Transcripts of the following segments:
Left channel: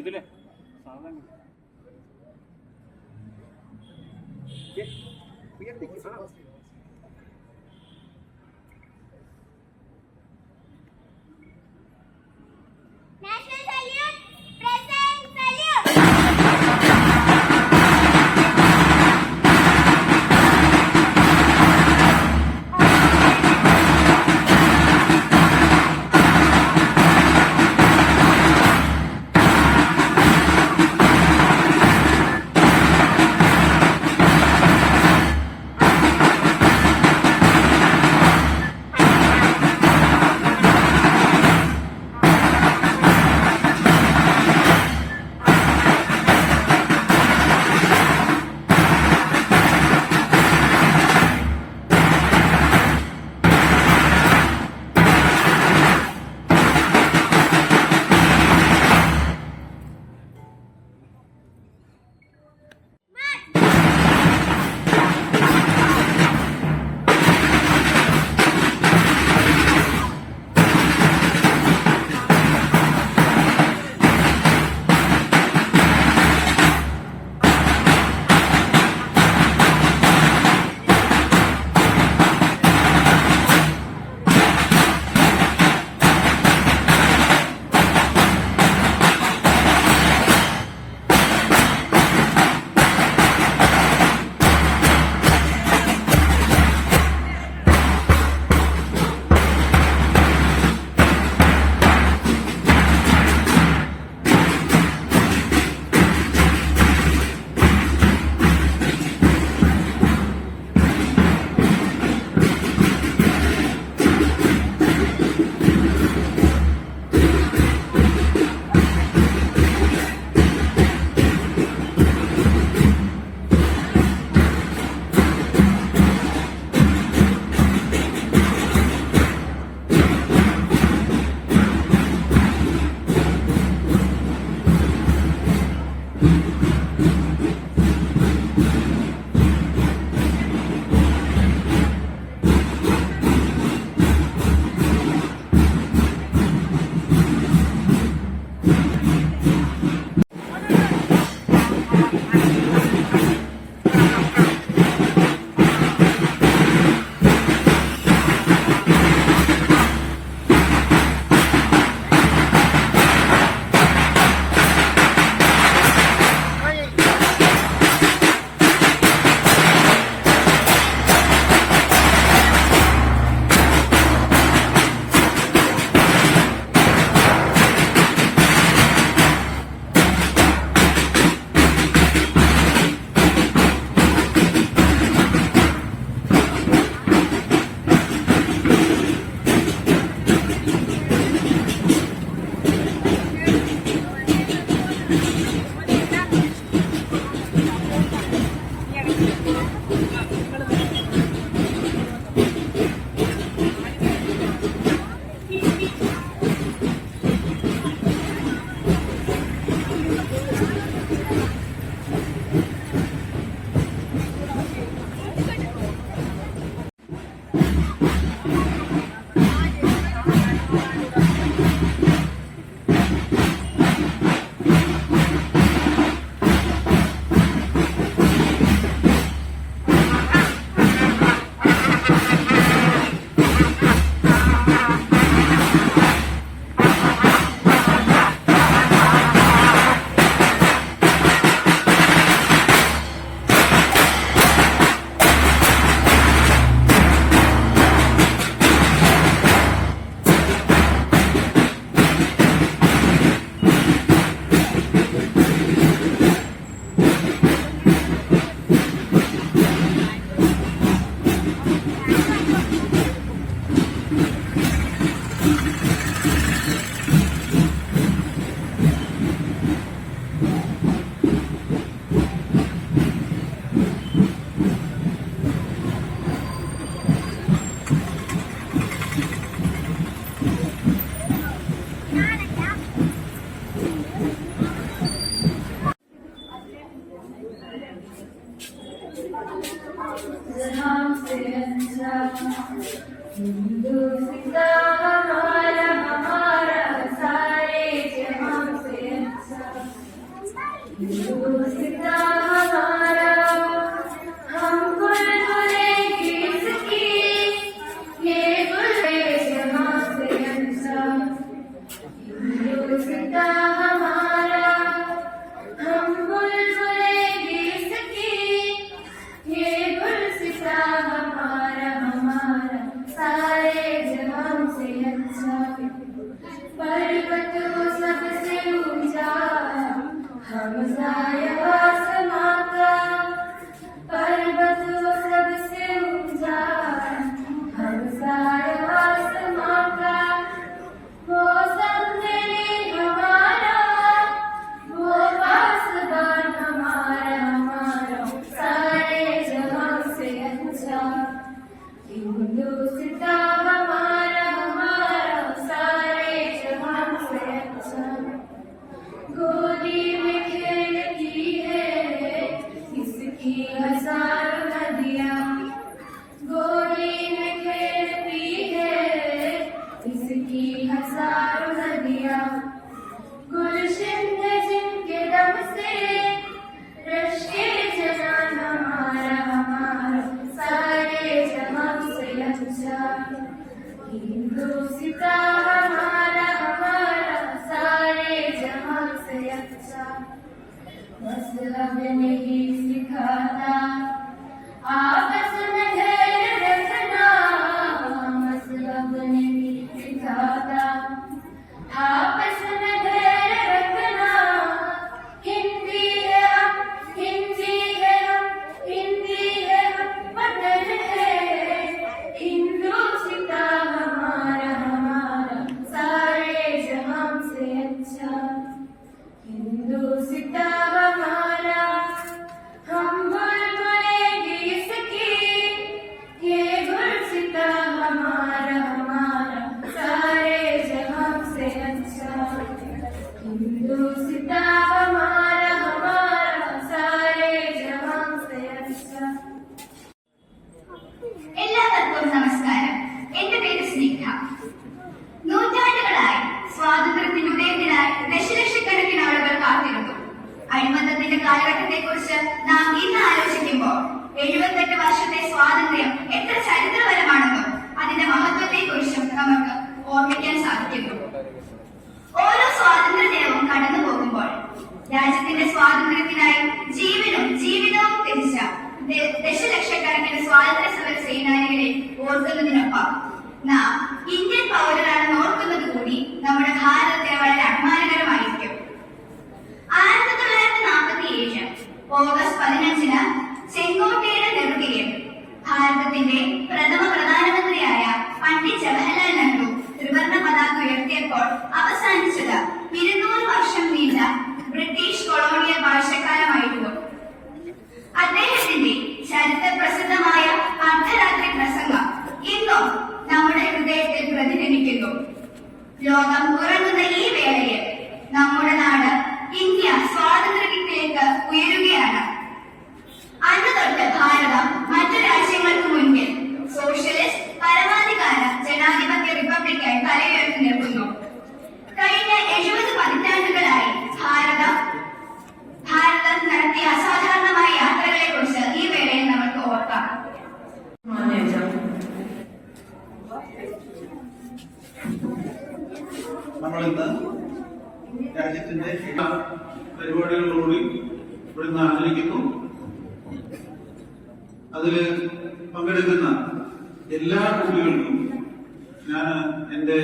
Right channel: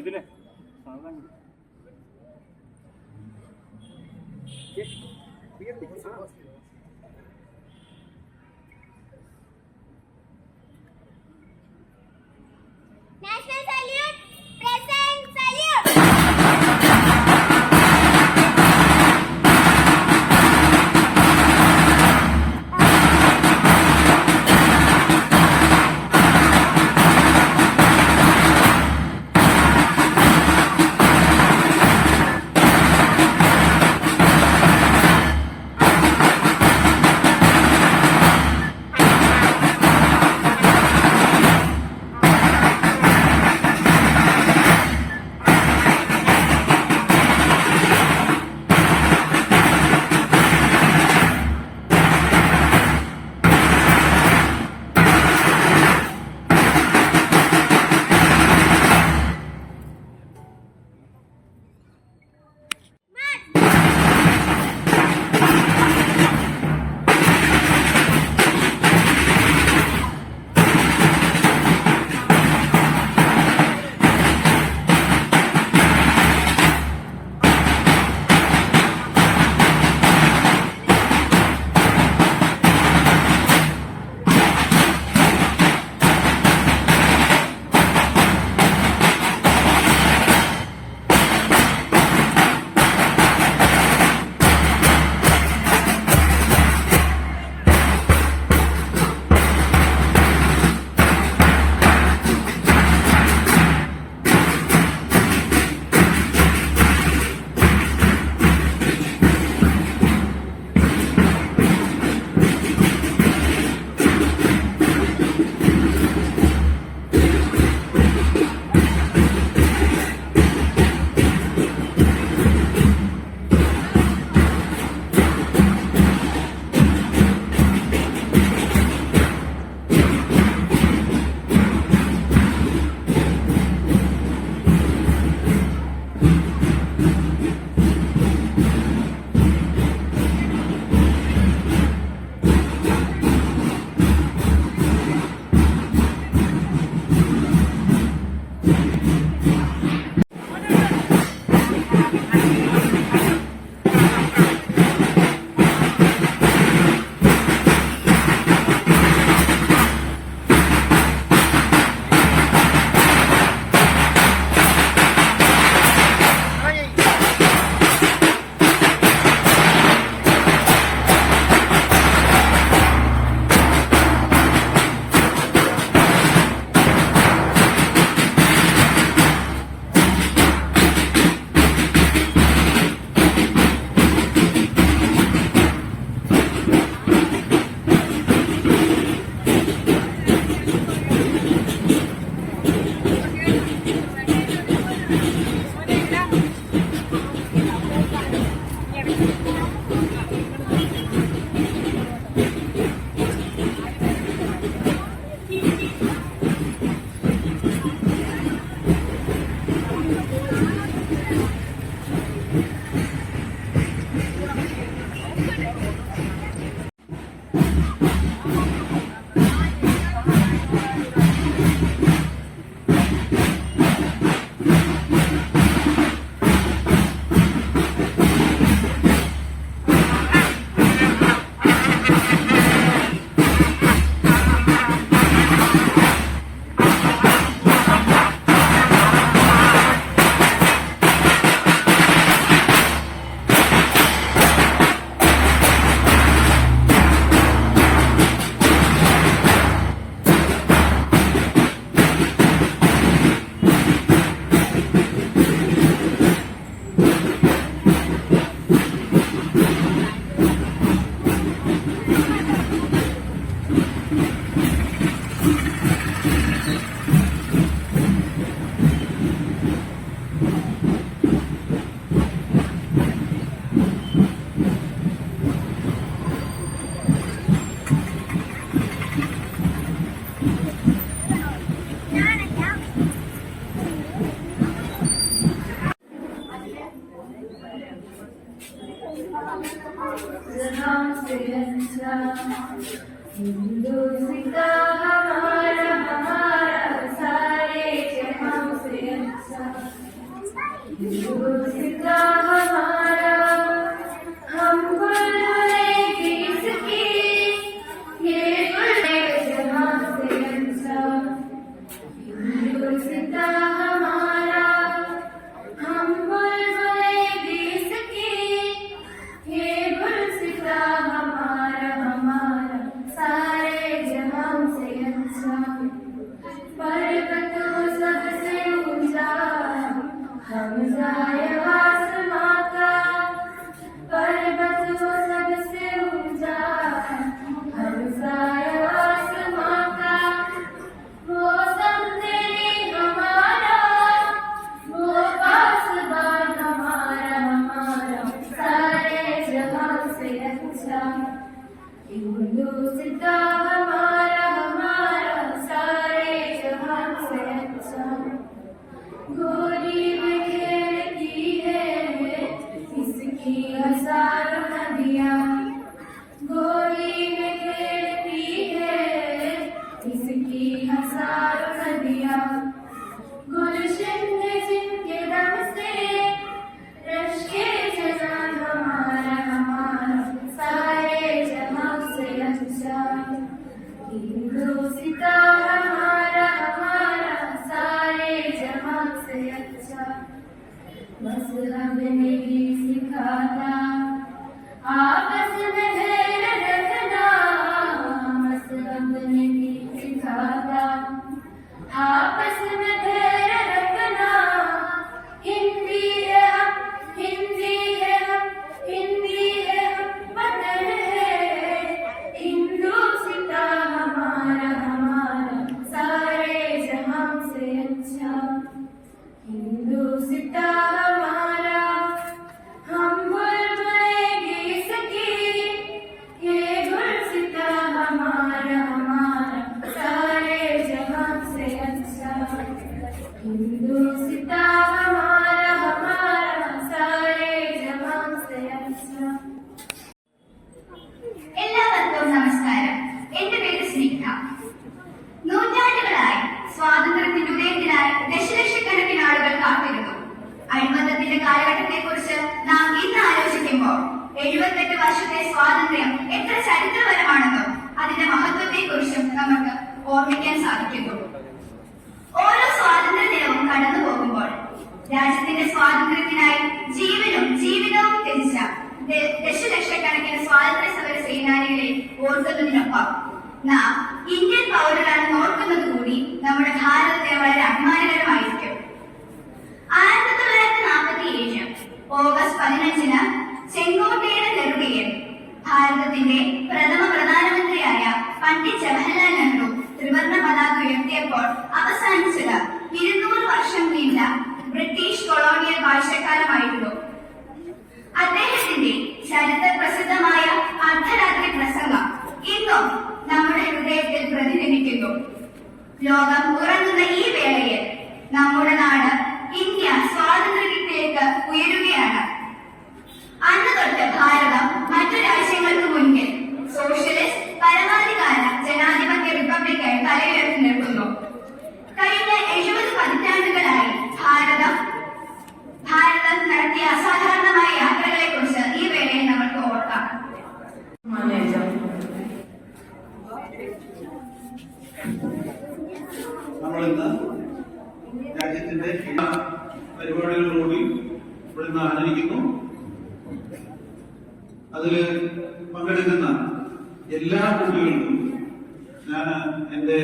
ഇതിലെ സാധനം National salute, present salute. Hindu सिंगा हमारा हमारा सारे जहां से अच्छा गोली में खेलती है इसकी हजारों नदियाँ, गोली में खेलती है इसकी हजारों नदियाँ। गुलशन है जिनके दम से रश के जनान हमारा हमारा सारे जहां से अच्छा। हिंदुस्ता हमारा हमारा सारे जहां से अच्छा। मजहब नहीं सिखाता आपस में धैर्य रखना, मजहब नहीं सिखाता आपस में धैर्य रखना। हिंदी है हम, हिंदी है हम, हिंदी है हम, वतन है हिंदुस्ता हमारा हमारा सारे जहां से अच्छा। हिंदुस्ता हमारा हम बुलबुलें इसकी, ये गुलसिता हमारा हमारा सारे जहां से अच्छा। हिंदुस्ता हमारा हमारा सारे जहां से अच्छा। എല്ലാവർക്കും നമസ്കാരം. എന്റെ പേര് സ്നിഗ്ധ. നൂറ്റാണ്ടുകളായി സ്വാതന്ത്ര്യത്തിന്റെ ഉദയത്തിനായി ദശലക്ഷക്കണക്കിന് ആളുകൾ കാത്തിരുന്നു. അഴിമത്തത്തിന്റെ കാലഘട്ടത്തെക്കുറിച്ച് നാം ഇന്ന് ആലോചിക്കുമ്പോൾ 78 വർഷത്തെ സ്വാതന്ത്ര്യം എത്ര ചരിത്രപരമാണെന്നും അതിന്റെ മഹത്വത്തെക്കുറിച്ചും നമുക്ക് ഓർമ്മിക്കാൻ സാധിക്കുന്നു. ഓരോ സ്വാതന്ത്ര്യ ദിനവും കടന്നു പോകുമ്പോൾ രാജ്യത്തിന്റെ സ്വാതന്ത്ര്യത്തിനായി ജീവിതവും ത്യജിച്ച ദശലക്ഷക്കണക്കിന് സ്വാതന്ത്ര്യ സമര സേനാനികളെ ഓർക്കുന്നതിനൊപ്പം നാം ഇന്ത്യൻ പൗരരാണെന്ന് ഓർക്കുന്നത് കൂടി നമ്മുടെ ഭാരതത്തിന് വളരെ അഭിമാനകരമായിരിക്കും. 1947 ഓഗസ്റ്റ് 15 ചെങ്കോട്ടയുടെ നെറുകയിൽ ഭാരതത്തിന്റെ പ്രഥമ പ്രധാനമന്ത്രിയായ പണ്ഡിറ്റ് ജവഹർലാൽ നെഹ്റു ത്രിവർണ്ണ പതാക ഉയർത്തിയപ്പോൾ അവസാനിച്ചത് 200 വർഷം നീണ്ട ബ്രിട്ടീഷ് കൊളോണിയൽ വാഴ്ചക്കാലമായിരുന്നു. അദ്ദേഹത്തിന്റെ ചരിത്ര പ്രസിദ്ധമായ അർദ്ധരാത്രി പ്രസംഗം ഇന്നും നമ്മുടെ ഹൃദയത്തിൽ പ്രതിഫലിക്കുന്നു. ലോകം ഉറങ്ങുന്ന ഈ വേളയിൽ നമ്മുടെ നാട് ഇന്ത്യ സ്വാതന്ത്ര്യത്തിലേക്ക് ഉയരുകയാണ്. അന്ന് തൊട്ട് ഭാരതം മറ്റു രാജ്യങ്ങൾക്ക് മുൻപിൽ സോഷ്യലിസ്റ്റ് പരമാധികാര ജനാധിപത്യ റിപ്പബ്ലിക്കായി തലയുയർത്തി നിൽക്കുന്നു. കഴിഞ്ഞ 70 പതിറ്റാണ്ടുകളായി ഭാരതം നടത്തിയ അസാധാരണമായ യാത്രകളെ കുറിച്ച് ഈ വേളയിൽ നമുക്ക് ഓർക്കാം. നമ്മളിന്ന് രാജ്യത്തിന്റെ എല്ലാ പരിപാടികളോടും ഇവിടുന്ന് ആചരിക്കുന്നു. അതില് പങ്കെടുക്കുന്ന എല്ലാ കുട്ടികൾക്കും ഞാൻ എന്റെ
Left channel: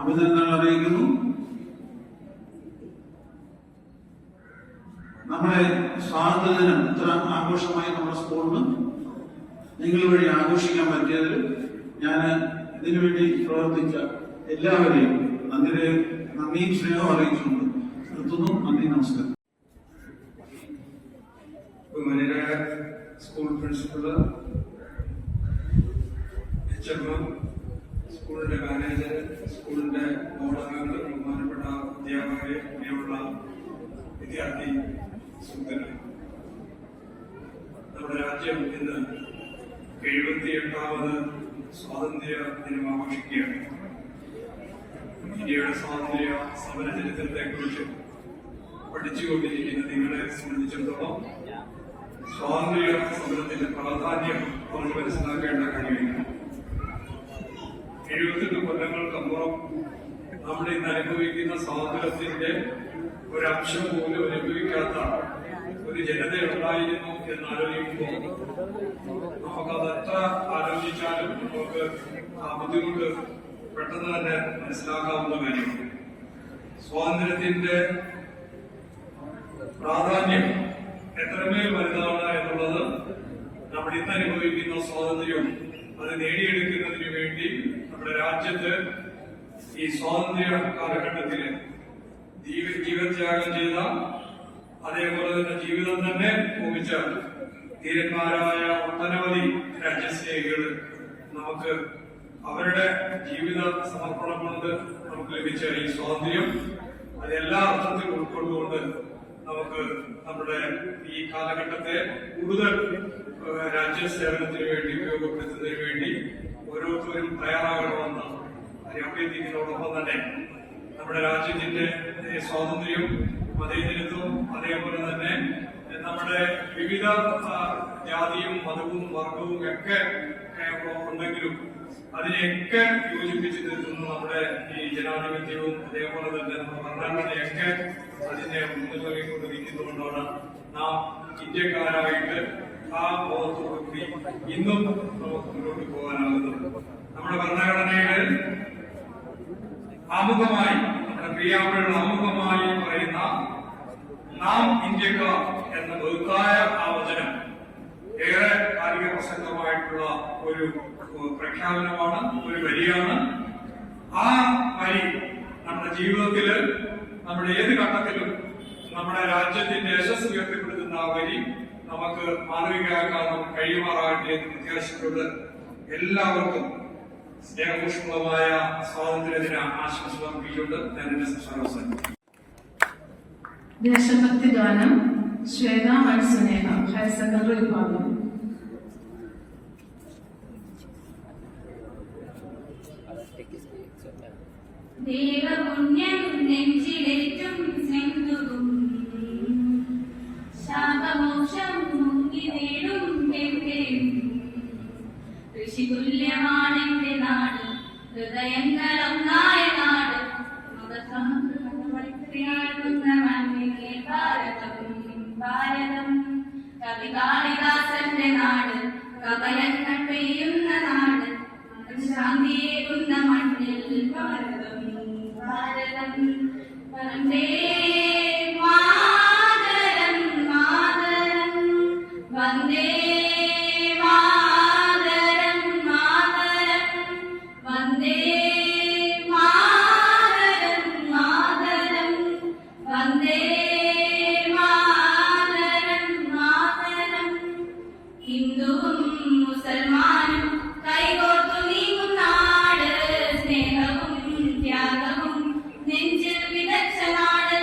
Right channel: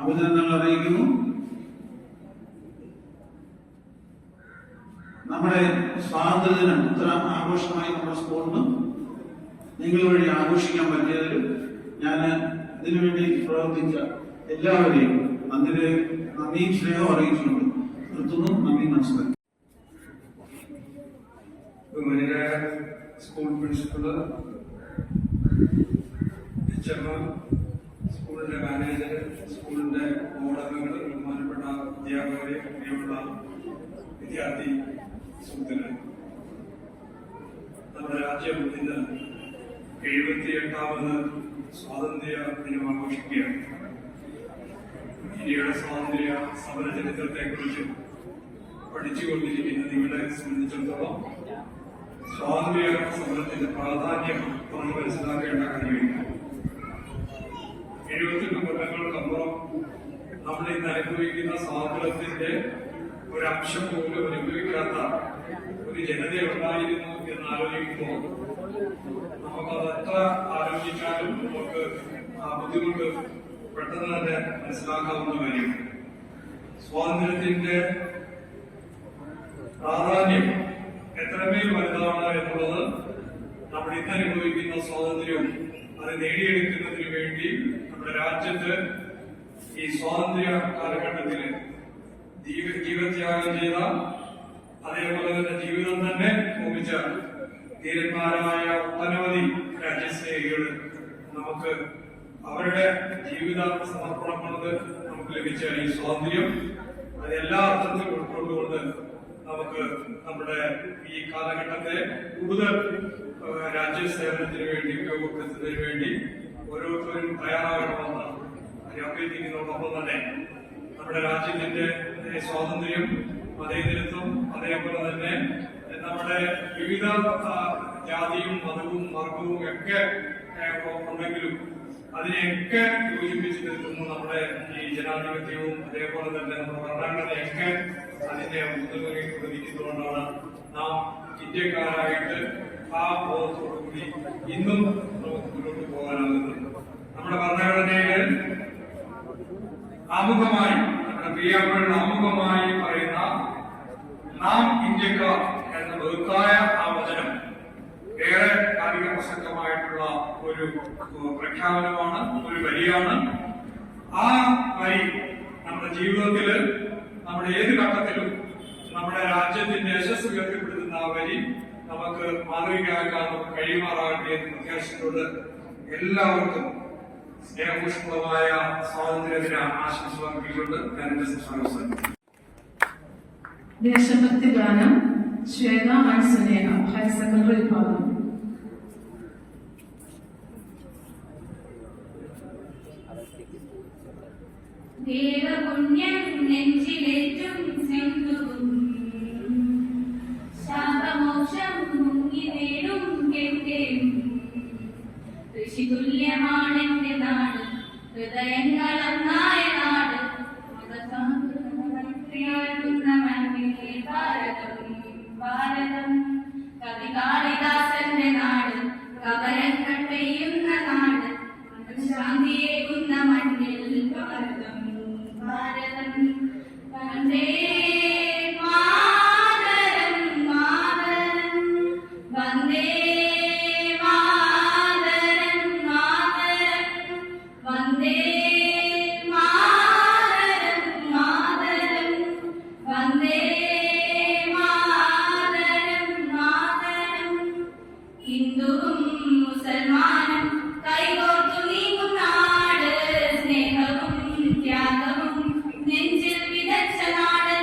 അഭിനന്ദനങ്ങൾ അറിയിക്കുന്നു. നമ്മുടെ സ്വാതന്ത്ര്യദിനം ഇത്ര ആഘോഷമായി നമ്മുടെ സ്കൂളിന് നിങ്ങൾ വഴി ആഘോഷിക്കാൻ പറ്റിയതിൽ ഞാൻ ഇതിനുവേണ്ടി പ്രവർത്തിച്ച എല്ലാവരെയും നന്ദിയും സ്നേഹവും അറിയിച്ചുകൊണ്ട് നിർത്തുന്നു. നന്ദി, നമസ്കാരം. ബഹുമാനരായ സ്കൂൾ പ്രിൻസിപ്പള്, HM, സ്കൂളിന്റെ മാനേജർ, സ്കൂളിന്റെ ബോർഡ് അംഗങ്ങൾ, ബഹുമാനപ്പെട്ട അധ്യാപകരെ, പ്രിയമുള്ള വിദ്യാർത്ഥി സുഹൃത്തുക്കളെ, നമ്മുടെ രാജ്യം ഇന്ന് 78ാമത് സ്വാതന്ത്ര്യ ദിനം ആഘോഷിക്കുകയാണ്. ഇന്ത്യയുടെ സ്വാതന്ത്ര്യ സമര ചരിത്രത്തെക്കുറിച്ച് പഠിച്ചുകൊണ്ടിരിക്കുന്ന നിങ്ങളെ സംബന്ധിച്ചിടത്തോളം സ്വാതന്ത്ര്യ സമരത്തിന്റെ പ്രാധാന്യം നമുക്ക് മനസ്സിലാക്കേണ്ട കാര്യമില്ല. 78 കൊല്ലങ്ങൾക്കപ്പുറം നമ്മൾ ഇന്ന് അനുഭവിക്കുന്ന സ്വാതന്ത്ര്യത്തിന്റെ ഒരംശം പോലും അനുഭവിക്കാത്ത ഒരു ജനതയുണ്ടായിരുന്നു എന്ന് ആലോചിക്കുമ്പോൾ നമുക്കത് എത്ര ആലോചിച്ചാലും നമുക്ക് ആ ബുദ്ധിമുട്ട് പെട്ടെന്ന് തന്നെ മനസ്സിലാക്കാവുന്ന കാര്യമാണ്. സ്വാതന്ത്ര്യത്തിന്റെ പ്രാധാന്യം എത്രമേൽ വലുതാണ് എന്നുള്ളത് നമ്മൾ ഇന്ന് അനുഭവിക്കുന്ന സ്വാതന്ത്ര്യവും അത് നേടിയെടുക്കുന്നതിന് വേണ്ടി നമ്മുടെ രാജ്യത്ത് ഈ സ്വാതന്ത്ര്യ കാലഘട്ടത്തില് ജീവത്യാഗം ചെയ്ത, അതേപോലെ തന്നെ ജീവിതം തന്നെ ഭൂമിച്ച ധീരന്മാരായ ഒട്ടനവധി രാജ്യസ്നേഹികൾ നമുക്ക് അവരുടെ ജീവിത സമർപ്പണം കൊണ്ട് നമുക്ക് ലഭിച്ച ഈ സ്വാതന്ത്ര്യം അതെല്ലാ അർത്ഥത്തിലും ഉൾക്കൊണ്ടുകൊണ്ട് നമുക്ക് നമ്മുടെ ഈ കാലഘട്ടത്തെ കൂടുതൽ രാജ്യസേവനത്തിന് വേണ്ടി ഉപയോഗപ്പെടുത്തുന്നതിന് വേണ്ടി ഓരോരുത്തരും തയ്യാറാകണമെന്ന് അഭ്യർത്ഥിക്കുന്നതോടൊപ്പം തന്നെ നമ്മുടെ രാജ്യത്തിന്റെ സ്വാതന്ത്ര്യം, മതേതരത്വം, അതേപോലെ തന്നെ നമ്മുടെ വിവിധ ജാതിയും മതവും വർഗവും ഒക്കെ ഉണ്ടെങ്കിലും അതിനെയൊക്കെ യോജിപ്പിച്ച് നിർത്തുന്ന നമ്മുടെ ഈ ജനാധിപത്യവും അതേപോലെ തന്നെ നമ്മുടെ ഭരണഘടനയൊക്കെ അതിനെ മുൻനിർത്തിക്കൊണ്ടിരിക്കുന്നതുകൊണ്ടാണ് നാം ഇന്ത്യക്കാരായിട്ട് ആ ബോധത്തോടുകൂടി ഇന്നും നമുക്ക് മുന്നോട്ട് പോകാനാകുന്നത്. നമ്മുടെ ഭരണഘടനയിൽ ആമുഖമായി, നമ്മുടെ പ്രിയാമരുടെ ആമുഖമായി പറയുന്ന നാം ഇന്ത്യക്കാർ എന്ന ബൃഹത്തായ ആ വചനം ഏറെ കാലിക പ്രസക്തമായിട്ടുള്ള ഒരു പ്രഖ്യാപനമാണ്, ഒരു വരിയാണ്. ആ വരി നമ്മുടെ ജീവിതത്തിൽ, നമ്മുടെ ഏത് ഘട്ടത്തിലും നമ്മുടെ രാജ്യത്തിന്റെ യശസ് ഉയർത്തിപ്പെടുത്തുന്ന ആ വരി നമുക്ക് മാതൃകയാക്കാൻ നമുക്ക് കഴിയുമാറാകട്ടെ എന്ന് പ്രത്യാശിച്ചുകൊണ്ട് എല്ലാവർക്കും സ്നേഹപുഷ്പമായ സ്വാതന്ത്ര്യദിന ആശംസ അർപ്പിച്ചുകൊണ്ട് ഞാൻ എന്റെ സംസാരം അവസാനിപ്പിക്കുന്നു. ദേശഭക്തി ഗാനം ശ്വേത ആൻഡ് സുനേഹ, ഹയർ സെക്കൻഡറി വിഭാഗം. ദേവപുണ്യം നെഞ്ചിലേറ്റും സിന്ധുവും ശാപമോക്ഷം മുങ്ങി നേടും കെട്ടേയും ഋഷിതുല്യമാണെന്റെ നാട്, ഹൃദയങ്ങളൊന്നായ നാട്, മതസമൃദ്ധിയാഴ്ന്ന മണ്ണിലെ ഭാരതം, ഭാരതം. കവി കാളിദാസന്റെ നാട്, കവലങ്ങൾ പെയ്യുന്ന നാട്, ശാന്തിയേകുന്ന മണ്ണിൽ ഭാരതം, ഭാരതം. വന്ദേ മാതരം, മാതരം, വന്ദേ മാതരം, മാതരം, വന്ദേ മാതരം, മാതരം, വന്ദേ മാതരം, മാതരം. ഹിന്ദുവും മുസൽമാനും കൈകോർത്തു നീങ്ങും നാട്, സ്നേഹവും ത്യാഗവും നെഞ്ചിൽ വിതച്ച നാട്.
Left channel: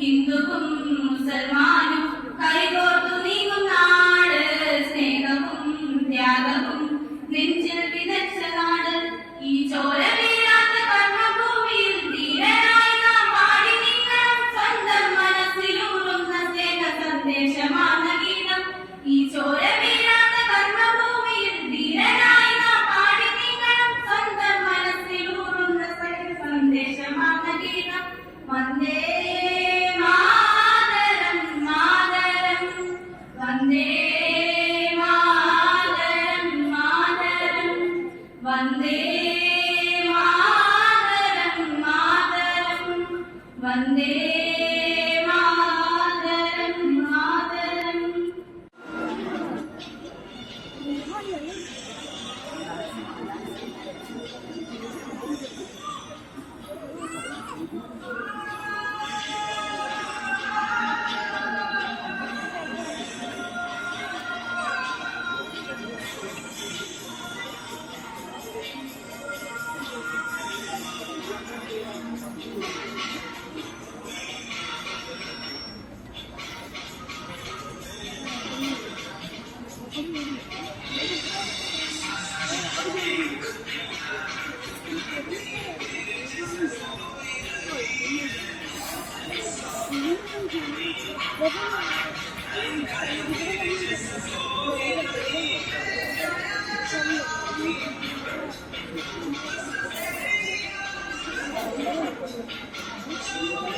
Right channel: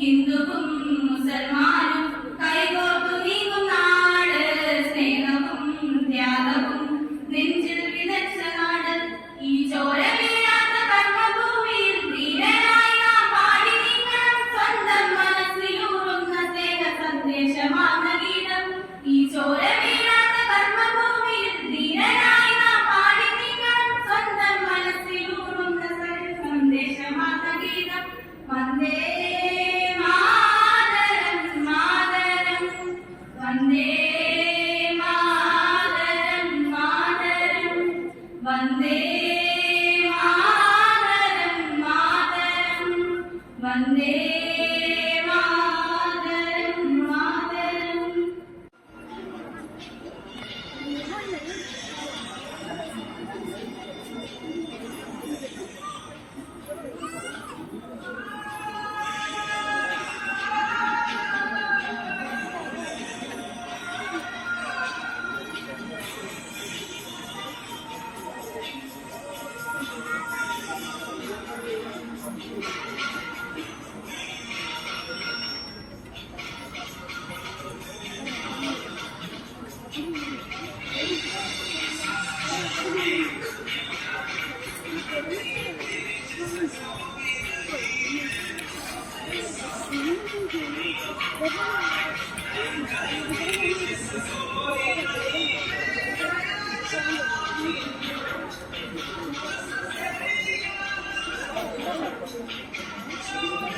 ഹിന്ദുവും മുസൽമാനും കൈകോർത്തു നീങ്ങും നാട്, സ്നേഹവും ത്യാഗവും നെഞ്ചിൽ വിതച്ച നാട്. ഈ ചോര വീഴാത്ത കർമ്മഭൂമിയിൽ ധീരനായി നാം പാടി നീങ്ങണം സ്വന്തം മനസ്സിലൂറുന്ന സ്നേഹ സന്ദേശമാർന്ന ഗീതം. ഈ ചോര വീഴാത്ത കർമ്മഭൂമിയിൽ ധീരനായി നാം പാടി നീങ്ങണം സ്വന്തം മനസ്സിലൂറുന്ന സന്ദേശമാർന്ന ഗീതം. വന്ദേ മാതരം, മാതരം, വന്ദേ മാതരം, മാതരം, വന്ദേ മാതരം, മാതരം, വന്ദേ മാതരം, മാതരം. Thank you.